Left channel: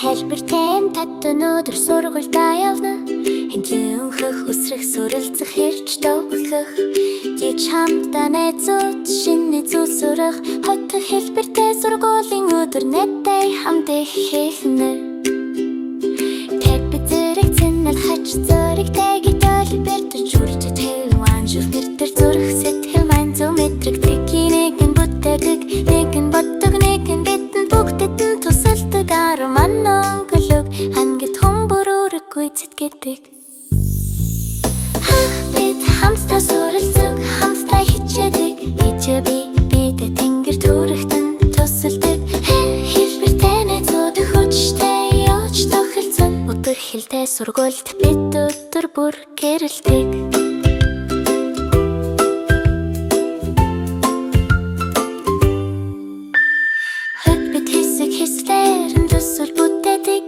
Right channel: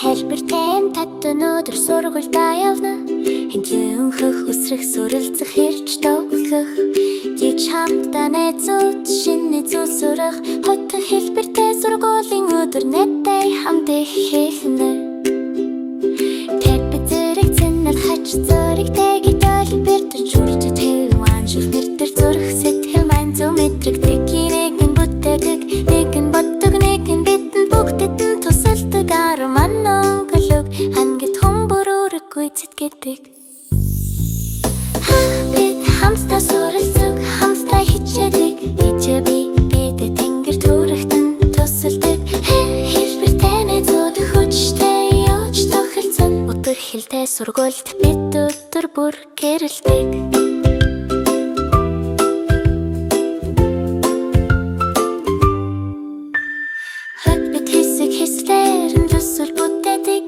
Хэлбэртэй татсан өдөр сургуультай явна. Хэнхэнхэх өсрөх суралцах хэрч тогтох. Жиж хамтдаа найзууд шинэ зүйл сурах. Хоттой хэлбэртэй сургуулийн өдөр найзтай хамт ихэнэ. Тэд бид зэрэг цэнэл хач зөрөгтэй гитэл бэртэж үрж тэвэн шүхнэр төр зүрх сэтгэл маань зөв мэдрэг тгийнийг нь бүтээдэг. Нэг нь боддог нэг нь бидэн бүгдэд нь тусалдаг арман өнгөлөг хангит хүмүүрүүрэггүй зэтгэдэг. Бид хамтдаа суралцах хамтдаа хичээдэг. Хичээ бидэ тэнгэр түрэгтэн тусалдаг. Хэлбэртэй найзууд хүчтэй явж тохирцсон. Өдөр хэлтэй сургуульд бид өдөр бүр гэрэлдэг. Хэслэр нь төсөл бүтээдэг.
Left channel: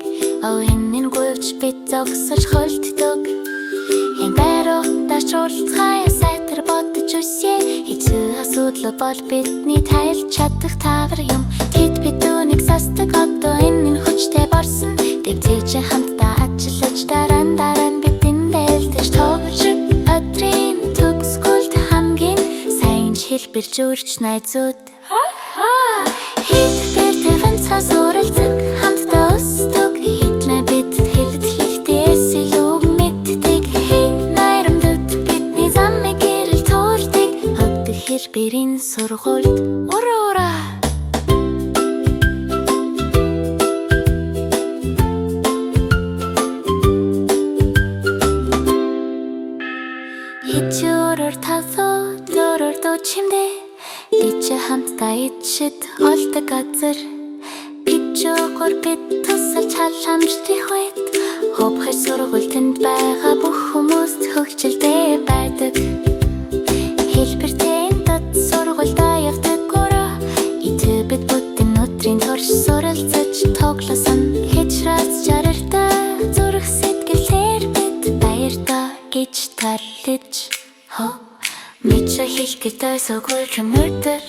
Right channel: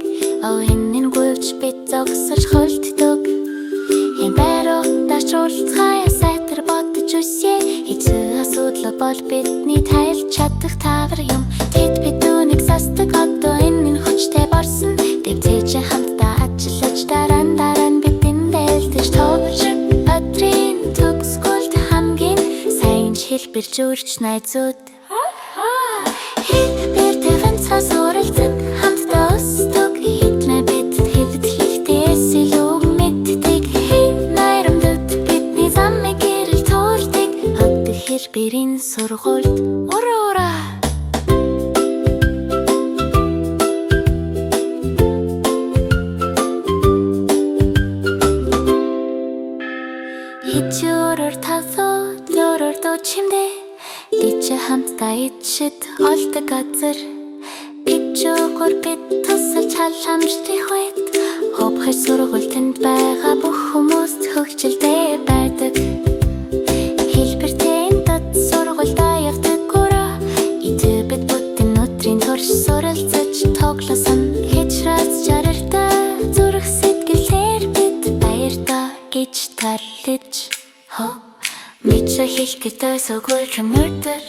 Овинын гүйвч бид зогсож холддог. Хэн байруудаас уулзгая сайтар бодож үсэ. Хэцүү асуудал бол бидний тайлж чадах тавар юм. Тэд бидүүнийг сасдаг одоо энэ хүчтэй борсон. Дэвтэж хамтдаа ажиллаж дараа нь бидэн дэлдэж тоглож өдрийн төгсгөлд хамгийн сайн хэлбэр зурч найзууд. Суралцах хамтдаа өсдөг. Хэднэ бид хэлбэт хийхтээс илүү мэддэг. Найрамдад бидний замыг гэрэл туурдаг. Хөдөө хэлбэрийн сургуульд уруура. Хичөөрөр талуу зөрөр дучимдээ. Дич хамтдаа ичэд олдог газар. Пичөөр бид тусалж халамжтай хувьд. Ховхой сургуульд байгаа бүх хүмүүст хөгжилтэй байдаг. Хэлбэртэй дот сургуультай явдаг гураа. Итэ бид бүтэн өдрийн турш суралцаж тоглосон. Хичрээс жаргалтай зүрх сэтгэлээр бид баяртай гэж тарлаж. Мичэ хэлэхдээ сүгүүр өдөр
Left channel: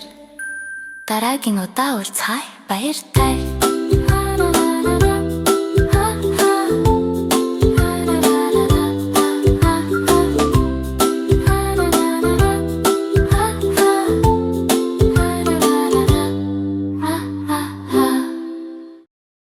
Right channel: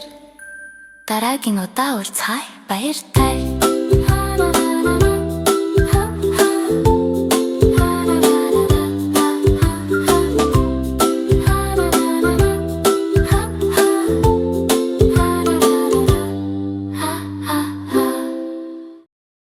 дараагийн удаа уулзъя баяртай.